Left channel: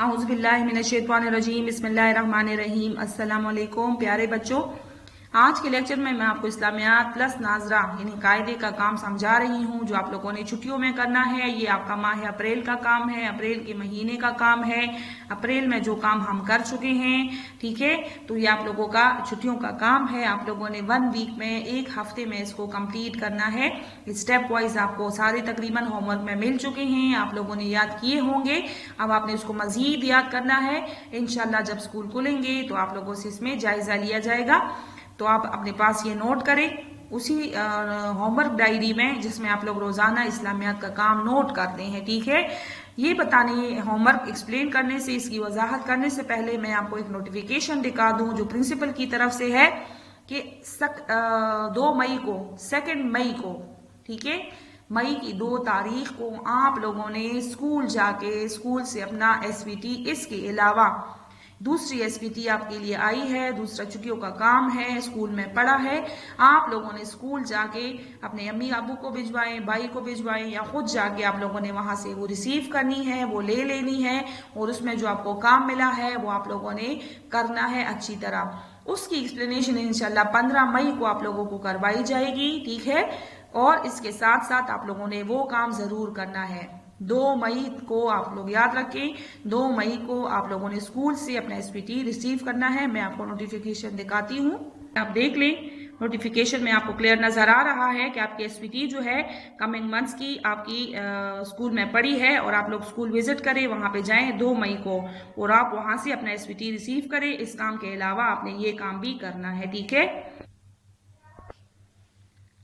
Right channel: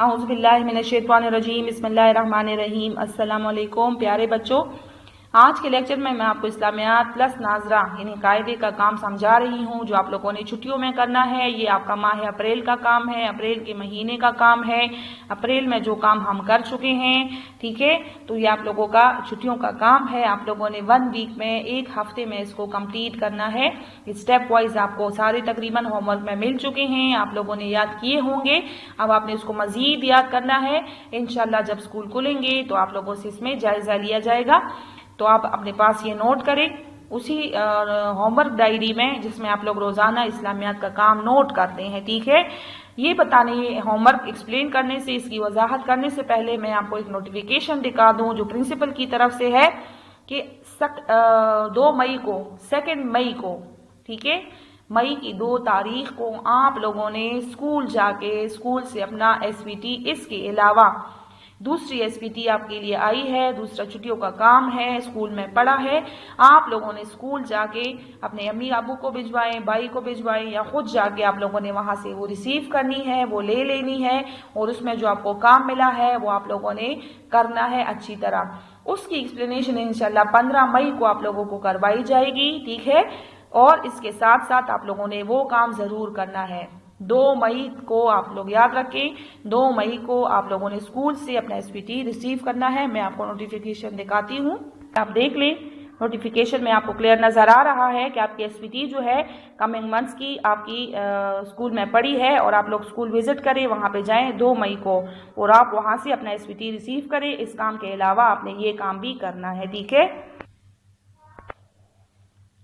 औज़ु बिल्लाहि मिनश्शैतानिर्रजीम बिस्मिल्लाहिर्रहमानिर्रहीम। अस्सलाम वालेकुम प्यारे बच्चों, आज के लेक्चर में मैं आपको इस्लामियात प्लस नाजरा यानी कायदे का काम समझा रही हूँ, जो आप लोगों ने छुट्टियों में करना है। ये आपका माह अप्रैल का काम है, अप्रैल के महीने का काम है। अप्रैल में जो काम हम कर चुके हैं, ठीक है, तो ये आप लोगों का छुट्टियों का काम है। आप लोगों ने 1 वीक में, 1 हफ्ते में इसको कंप्लीट करना है। स्टेप वाइज आपको सारे तकरीबन होमवर्क में मिल चुके हैं, आप लोगों ने याद किए होंगे। अब आपने उसको मजीद याद करना है। इंशाल्लाह जब स्कूल खुलेंगे तो आप लोगों से इसमें जायजा लिया जाएगा। तो आप अपने पास ये नोट करें उसी होमवर्क डायरी में, जिसमें आप लोग रोजाना इस्लामियात का काम नोट करते हैं, ठीक है। ये बताने, होमवर्क एक्सप्लेन करने से, इसकी वजाहत करने से पहले मैं आपको एक नोटिफिकेशन दिखा दूं जो प्रिंसिपल की तरफ से है कि 2 मई को, 2 मई को, ठीक है, मई की 2 तारीख को आप लोगों ने स्कूल जाके स्कूल से अपना SVT, इसके अलावा दूसरी SVT आपके लिए आई है, दूसरा छुट्टियों का काम है, स्कूल में पड़ा है। आप लोगों ने स्कूल जाके अपने अम्मी अबू को भिजवाएं, भाई को भिजवाएं, या खुद जाके आप लोगों ने वहां से वो रिसीव करनी है, वो ले लेनी है, और उसमें जो आपको काम मिला है वो आप लोगों ने करना है अच्छी तरह। उसकी एक्सप्लेनेशन इंशाल्लाह 15 मई को आप लोगों को करवाई जाएगी, ठीक है। और इसके साथ साथ आप लोगों ने वो काम जरूर करना है। 2 मई को आप लोग याद रखें, 2 मई को आप लोगों ने स्कूल से अपना SVT रिसीव करना है। मैं आपको नोटिफिकेशन दिखाती हूँ, आप देख लें। नोटिफिकेशन में आपको क्लियर नजर आ रहा है कि आपकी SVT जो है कमिंग मंथ्स की आपकी स्कूल में पड़ी है, और आप लोग स्कूल विजिट करें, वहां पे जाएं 2 मई को, और आप वहां से अपना SVT रिसीव करें। इस काम के अलावा आपने ये काम भी करना है, ठीक है।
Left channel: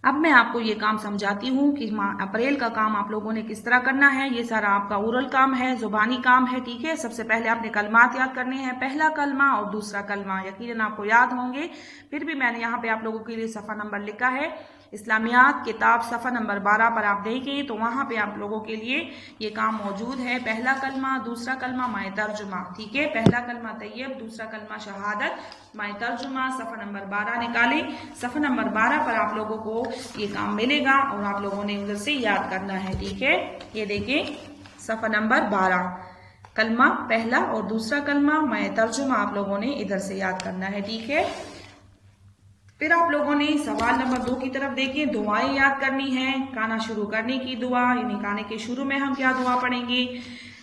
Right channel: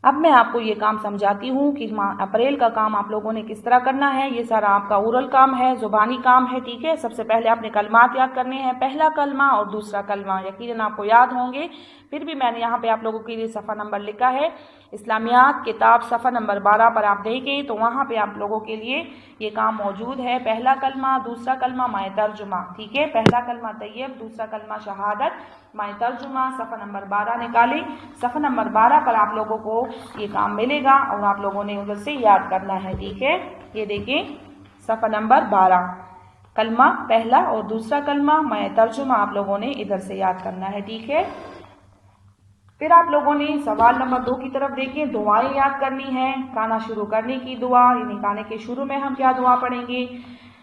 अब मैं आपको ये काम समझाती हूँ कि अप्रैल का काम आप लोगों ने किस तरह करना है। ये सारा आपका ओरल काम है, जुबानी काम है, ठीक है। सबसे पहले आपने कलमात याद करने हैं, पहला कलमा और दूसरा कलमा यकीनन आपको याद होंगे। फिर भी मैंने यहाँ पे आप लोगों के लिए सफ़ा नंबर लिखा है, इस्लामियात किताब सफ़ा नंबर 12 पर आप देखें तो वहाँ पे आप लोगों के लिए ये काम मौजूद है। पहला कलमा, दूसरा कलमा, माए तर्जुमा, ठीक है। पहला कलमा तैयब, दूसरा कलमा शहादत, माए तर्जुमा, सफ़ा नंबर 12 निकालें। सफ़ा नंबर 12 पर आप लोगों को ये काम मिलेगा और आप लोगों ने उधर से याद करना है, ठीक है। ये देखें सफ़ा नंबर 12, कलमा पहला और दूसरा कलमा, माए तर्जुमा आप लोगों ने इधर से याद करना है, ठीक है। फिर आप लोगों ने सवाल नंबर 2 की तरफ देखें, दुआएं याद करनी है। खाना शुरू करने की दुआ, यानी खाने के शुरू में हम क्या दुआ पढ़ेंगे,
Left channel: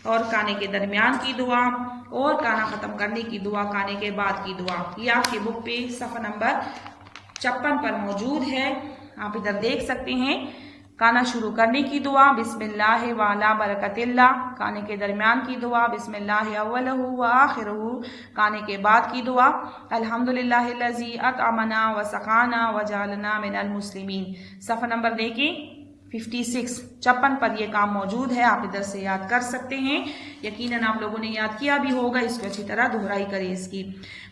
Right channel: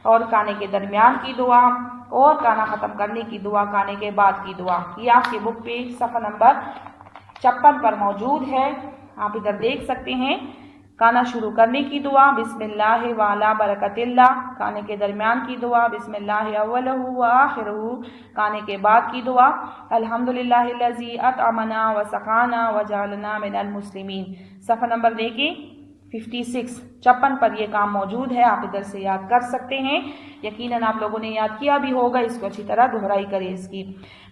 और खाने के दरमियान की दुआ, और खाना ख़त्म करने की दुआ, खाने के बाद की दुआ। ये आपके बुक पे सफ़ा नंबर 56 पर मौजूद है, आप इधर देख सकते हैं। खाना शुरू करने की दुआ बिस्मिल्लाह व अला बरकतिल्लाह, खाने के दरमियान की दुआ बिस्मिल्लाह अव्वलहु व आखिरहु, खाने के बाद की दुआ अल्हम्दुलिल्लाहिल्लज़ी अतअमना व सक़ाना व जअलना मिनल मुस्लिमीन। सफ़ा नंबर देखिए 56 पर यह काम मौजूद है, आप इधर से याद कर सकते हैं। यकीनन आप लोगों ने याद किया भी होगा, इसको अच्छी तरह दोहराई करें इसकी।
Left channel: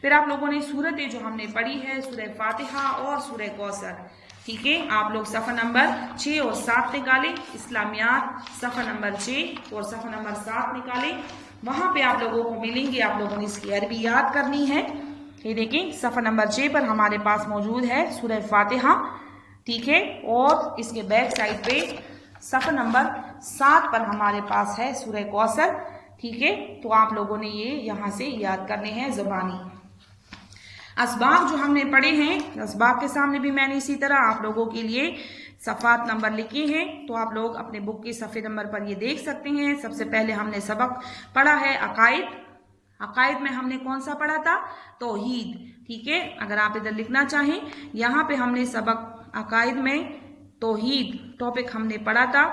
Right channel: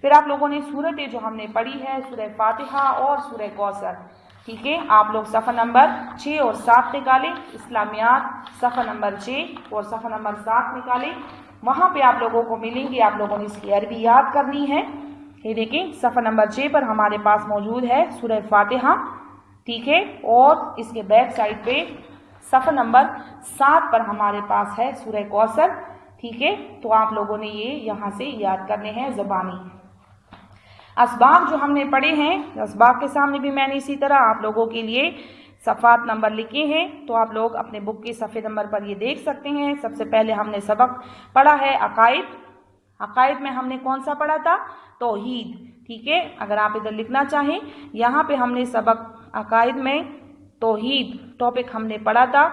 फिर आप लोगों ने सूरतें जो हमने पढ़ी है, सूरह फातिहा और सूरह कौसर, ठीक है। आप लोग सफ़ा नंबर 6 और 7 निकालें। इस्लामियात सफ़ा नंबर 6 और सफ़ा नंबर 7 निकालें, वहाँ पे आप लोगों को मिलेंगे। आप लोगों ने इसकी अरबी याद करनी है। ये देखिए सफ़ा नंबर 6 पर हमारे पास मौजूद है सूरह फातिहा, ठीक है, और इसके बैक साइड पे सफ़ा नंबर 7 पर हमारे पास है सूरह कौसर, ठीक है। तो आप लोगों ने ये यहाँ से याद करने हैं ज़बानी। असबाब जो हमने पढ़े हैं, असबाब के सामने भी मैंने इसी तरह आप लोगों के लिए सफ़ात नंबर लिखे हैं, तो आप लोग अपने बुक के सफ़े नंबर पर ये देख सकते हैं। सबसे पहले हमने सबक पढ़ा है अकायद। अकायद में हमने कौन सा पढ़ा था, तौहीद, ठीक है। अगर आप इधर लिखना चाहें, यहाँ पे हमने सबक अकायद में तौहीद टॉपिक हमने पढ़ा था।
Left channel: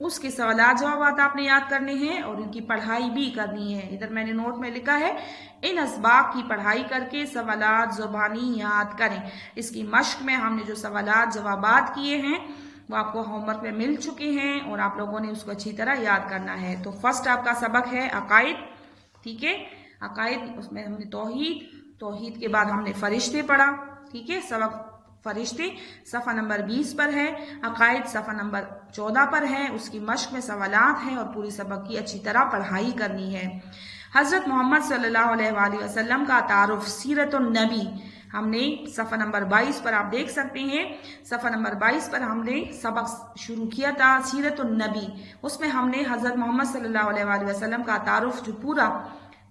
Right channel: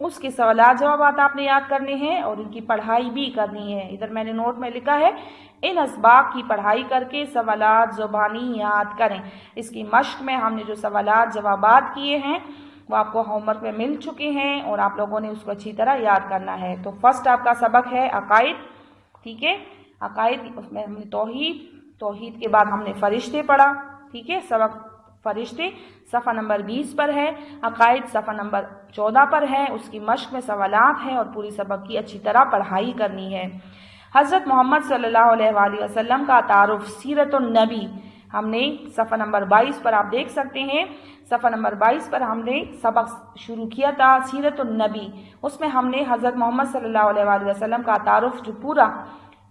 उसके सवालात जवाबात आपने याद करने हैं और इनकी पढ़ाई भी करनी है। इधर मैंने नोट में लिखा है, इन असबाब की पढ़ाई करके सवालात ज़ुबानी याद करें। इसकी मश्क में हमने जो सवालात जवाबात किए हैं वो आपको होमवर्क में मिल चुके हैं, और आप लोगों ने उसको अच्छी तरह याद करना है। तो फर्स्ट आपका सबक है अकायद, ठीक है। अकायद, उसमें हमने तौहीद, तौहीद के बाद हमने फरिश्ते पढ़ा, ठीक है। सबक फरिश्ते सफ़ा नंबर 20 पर है, अकायद सफ़ा नंबर 14 पर है। उसकी मश्क में सवालात हैं और पूरी सबक की अच्छी तरह पढ़ाई करनी है। हज़रत मोहम्मद सल्लल्लाहु अलैहि वसल्लम का तारुफ, सीरतुन नबी, हमने सफ़ा नंबर 22 पर आप देख सकते हैं, सफ़ा नंबर 22 पर हमने सबक शुरू किया था सीरतुन नबी। उसमें हमने हज़रत मोहम्मद सल्लल्लाहु अलैहि वसल्लम का तारुफ जो पूरा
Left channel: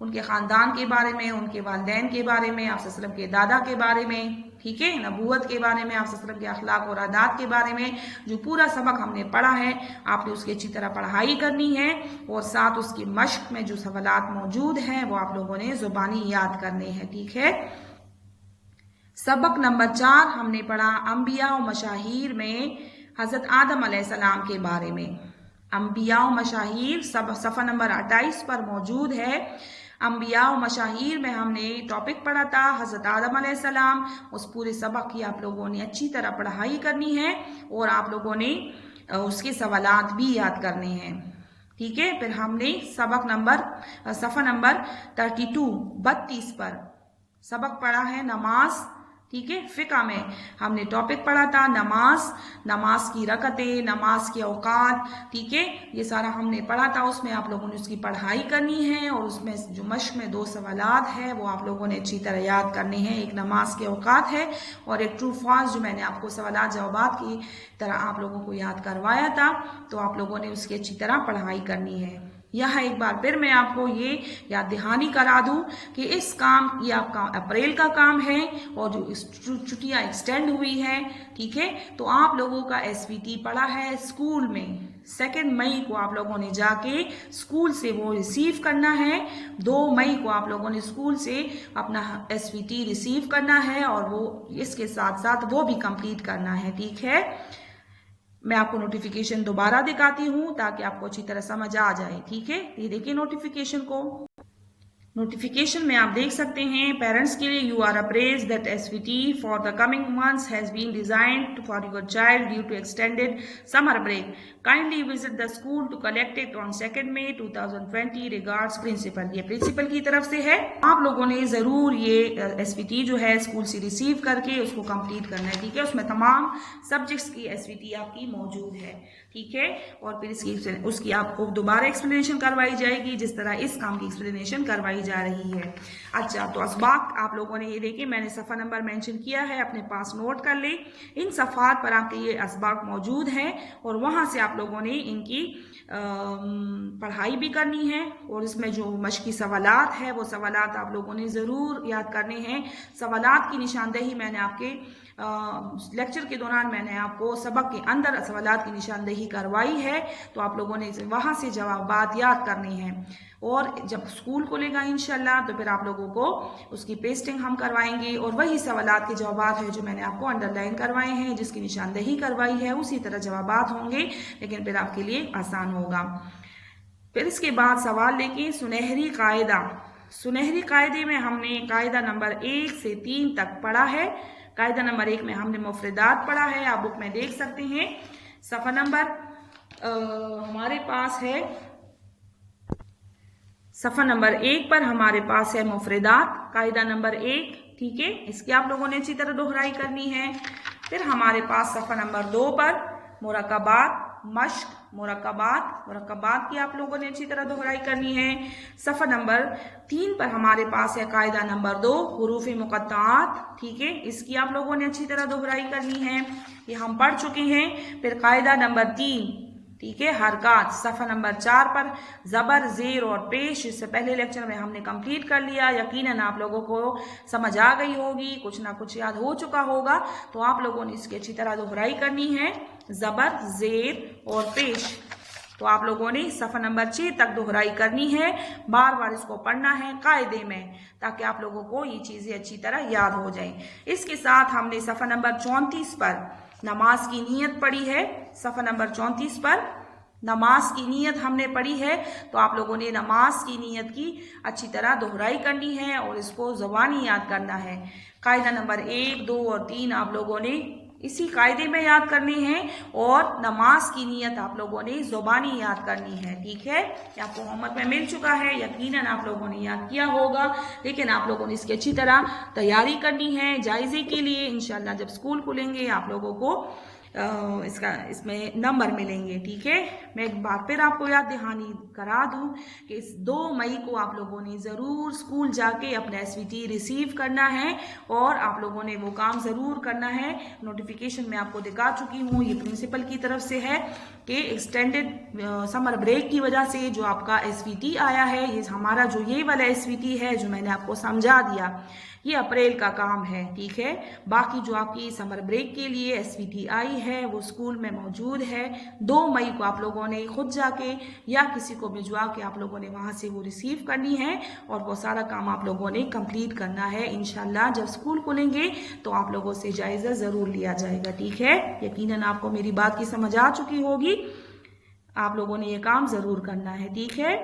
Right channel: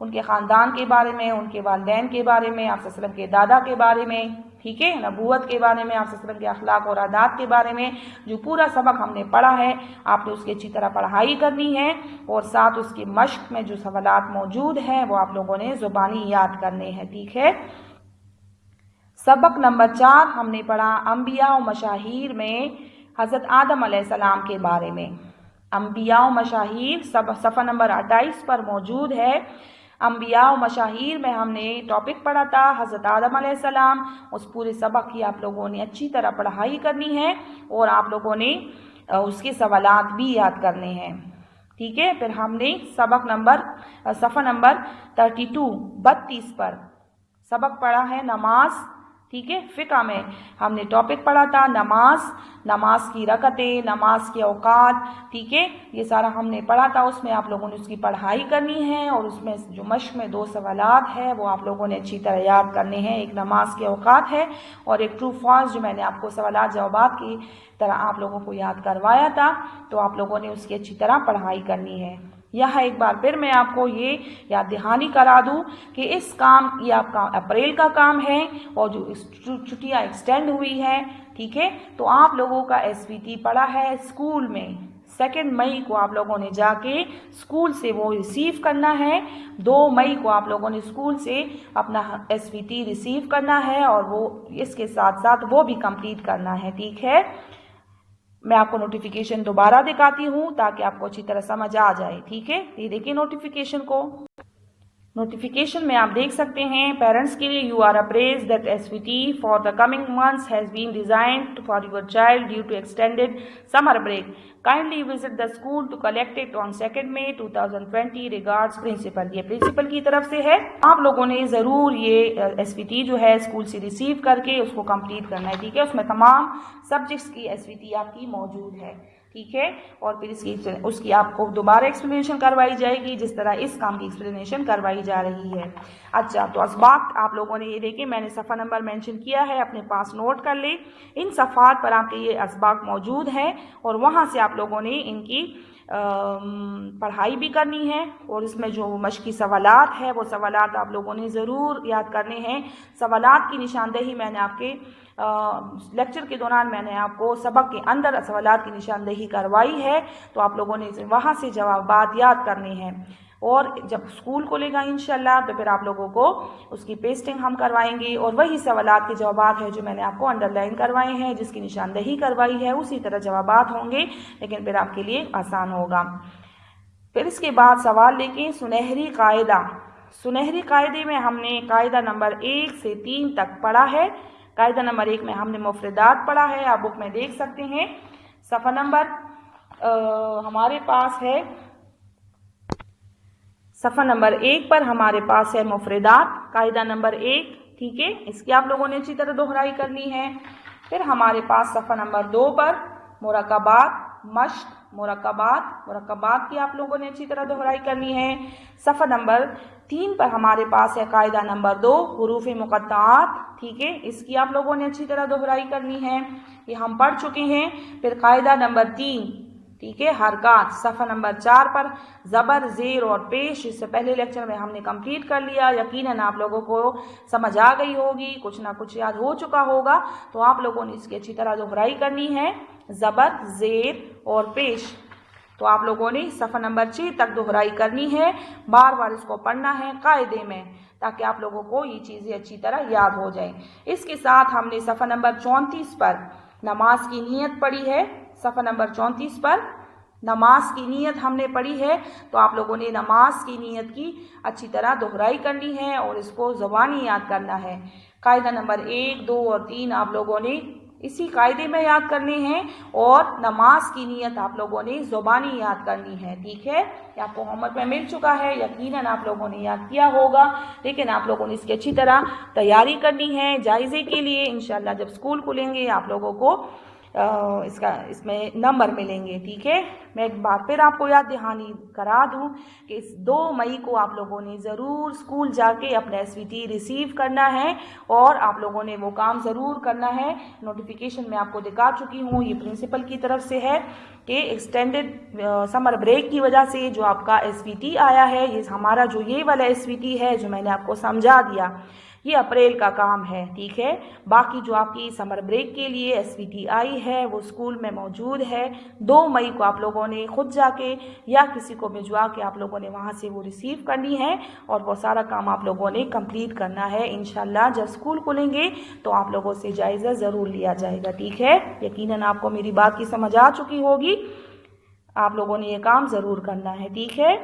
उनके ख़ानदान के बारे में, उनके वालिदैन के बारे में, आप सल्लल्लाहु अलैहि वसल्लम के दादा के बारे में, ठीक है, नबूवत के बारे में, आप सल्लल्लाहु अलैहि वसल्लम के अखलाक और आदात के बारे में जो पूरा सबक हमने पढ़ा है, आपने उसकी अच्छी तरह पढ़ाई करनी है और साथ उसकी मश्क में जो सवालात मौजूद हैं वो आप लोगों ने ज़ुबानी याद करने हैं, ठीक है। सबक नंबर 4 हमने पढ़ा अंबिया व मशाहीर में हज़रत आदम अलैहिस्सलाम के बारे में। अंबिया व मशाहीर सफ़ा नंबर 28 पर मौजूद है। अंबिया व मशाहीर में हमने टॉपिक पढ़ा था हज़रत आदम अलैहिस्सलाम। उस पूरे सबक की आप लोगों ने अच्छी तरह पढ़ाई करनी है और आप लोगों ने उसके सवालात भी याद करने हैं, ठीक है। फिर हमने सफ़ा नंबर 32 पर सबक पढ़ा है नमाज, ठीक है। फ़िक़्ह में हमने टॉपिक पढ़ा था नमाज की रकतें, नमाज के औकात, ठीक है, ये सारा हमने पढ़ा था। उसमें आप लोगों ने उसकी पढ़ाई करनी है और उसमें जो मश्क में 2 सवालात है वो आप लोगों ने अच्छी तरह याद करने हैं। एक नमाज के औकात है और एक ट्रू फॉल्स जो मैंने आपको सवालात जवाबात की तरह आप लोगों को याद करवाया था, तो आप लोगों ने उसकी अच्छी तरह पढ़ाई करनी है। यहाँ एक बार फिर मैं आपको ये याद दहानी करा दूँ कि इस काम ये आपका अप्रैल का काम है और जो छुट्टियाँ एक्सटेंड हुई हैं, ठीक है, तो आप लोगों का SVT पड़ा है स्कूल में। 2 मई को आप लोगों ने जाके स्कूल से वो रिसीव करना है। 2 मई को आप लोगों ने स्कूल से अपना SVT रिसीव करना है और वो इसके साथ साथ वो भी कंप्लीट करना है, ठीक है। मैं आपको नोटिफिकेशन दोबारा दिखाती हूँ ताकि आपको अच्छी तरह समझ आ जाए, ठीक है। ये देखिए नोटिफिकेशन को। नोटिफिकेशन में आप देख सकते हैं पेरेंट्स के लिए you are apprised that SVT for the coming months has been designed for your child due to extended summer break. Kindly visit the school to collect it on 2 May 2020 regards principal. ये principal की तरफ से है। आप लोगों ने ज़रूर ये SVT जो है स्कूल से रिसीव करके उसको कंप्लीट करना है, ठीक है। उसमें तमाम सब्जेक्ट्स की SVT आपकी मौजूद है, ठीक है। और फिर उसकी आपको दोबारा एक्सप्लेनेशन करवाई जाएगी जिस तरह इस काम की एक्सप्लेनेशन करवाई जा रही है। अच्छा, तो असबाक आप लोगों ने ये देखिए मैंने सफ़ा नंबर मेंशन किया है, अपने पास नोट कर ले। इन सफ़ात पर आपके ये असबाक मौजूद हैं और वहाँ से आप लोगों ने इनकी पढ़ाई भी करनी है और इसमें जो मश्की सवालात है वो सवालात आप लोगों ने ज़रूर याद करने हैं। सवालात की निशानदेही मैंने आपके लेक्चर के दौरान मैंने आपको सबक के अंदर सवालात की निशानदेही करवाई है, तो आप लोगों ने वहाँ से जवाबात याद करने हैं। और जब स्कूल खुलेगा इंशाल्लाह तो फिर आप लोगों को उसकी पेस्टिंग हम करवाएंगे और वही सवालात के जवाबात है जो मैंने आपको अंडरलाइन करवाए हैं, जिसकी निशानदेही करवाई है, उसी तरह जवाबात होंगे, लेकिन फिर आपके लिए आसान होगा। फिर इसके बाद सवाल लेके सुनहरी कायदा। सुनहरी कायदे में हमने कायदा नंबर 1 से 3 तक पढ़ा है। कायदा नंबर 1 में हमने मुफरदात पढ़ा है, आप बुक में देख सकते हैं। सफ़ा नंबर हमारे पास है, सफ़ा नंबर 1 पर हमारे पास है मुफरदात, कायदा नंबर 1, ठीक है। इसकी आप लोगों ने अच्छी तरह दोहराई करनी है। फिर हमारे पास सफ़ा नंबर 2 पर मुरक्कबात, मश्क, मुरक्कबात की आप लोगों ने अच्छी तरह दोहराई करनी है। सफ़ा नंबर 3 पर हमारे पास है कायदा नंबर 2 हुरूफ मुक़त्ताआत, ठीक है। इसकी आप लोगों ने अच्छी तरह दोहराई करनी है, ये हम पढ़ चुके हैं। फिर कायदा नंबर 3, ठीक है, हरकात। सफ़ा नंबर 4 पर ज़बर, ज़ेर और पेश, इससे पहले लेक्चर में हमने कंप्लीट कर लिया। यकीनन आप लोगों को समझ आ गई होगी, कुछ ना कुछ याद हो चुका होगा, तो आप लोगों ने इसकी अच्छी तरह दोहराई करनी है, ज़बर, ज़ेर और पेश। तो आप लोगों ने सफ़ा नंबर 6 तक दोहराई करनी है, बार बार इसको पढ़ना है कायदे में, ताकि आप लोगों को ये चीज़ें अच्छी तरह याद हो जाएं। इसके साथ हमने सफ़ा नंबर 34 पर नमाज की नीयत पढ़ी है। सफ़ा नंबर 34 पर नमाज की नीयत हमने पढ़ी है, तो आप लोगों ने नमाज की नीयत की अच्छी तरह दोहराई करनी है और इसको ज़बानी याद करना है। कायदा नंबर 1, 2 और 3 आप लोगों ने इसी कायदे में याद करने हैं और नमाज की नीयत आप लोगों ने ज़बानी याद करनी है, ठीक है। आपको होमवर्क में मिल चुका है, यकीनन आप लोगों ने याद किया होगा, लेकिन आप लोगों ने इसकी अच्छी तरह तैयारी करनी है जायज़े के लिए। इंशाल्लाह जब स्कूल खुलेंगे आप लोगों को इसमें नंबर मिलेंगे, ठीक है। मैं एक बार फिर आपको याद दहानी करा दूं कि इस 2 मई को आप लोगों ने ज़रूर स्कूल जाके अपना SVT रिसीव करना है और आप लोगों ने वो काम ज़रूर करना है। नोटिफिकेशन मैं आपको दिखा चुकी हूँ, ये प्रिंसिपल की तरफ से है कि एक्सटेंडेड समर ब्रेक की वजह से जो आपका SVT आया है, ये हमारा जो ये वाला SVT है जो मैंने आपको समझा दिया, ये अप्रैल का काम है, ठीक है। बाकी जो आपकी समर ब्रेक के लिए SVT आई है वो स्कूल में मौजूद है। 2 मई को आप लोगों ने खुद जाके या किसी को भिजवा के आप लोगों ने वहाँ से वो रिसीव करनी है और वो सारा काम आप लोगों ने कंप्लीट करना है। इंशाल्लाह जब स्कूल खुलेंगे तो आप लोगों से जायज़ा ज़रूर लिया जाएगा, ठीक है। यकीनन आपको मेरी बात की समझ आ चुकी होगी, आप लोगों ने ये काम ज़रूर करना है, ठीक है।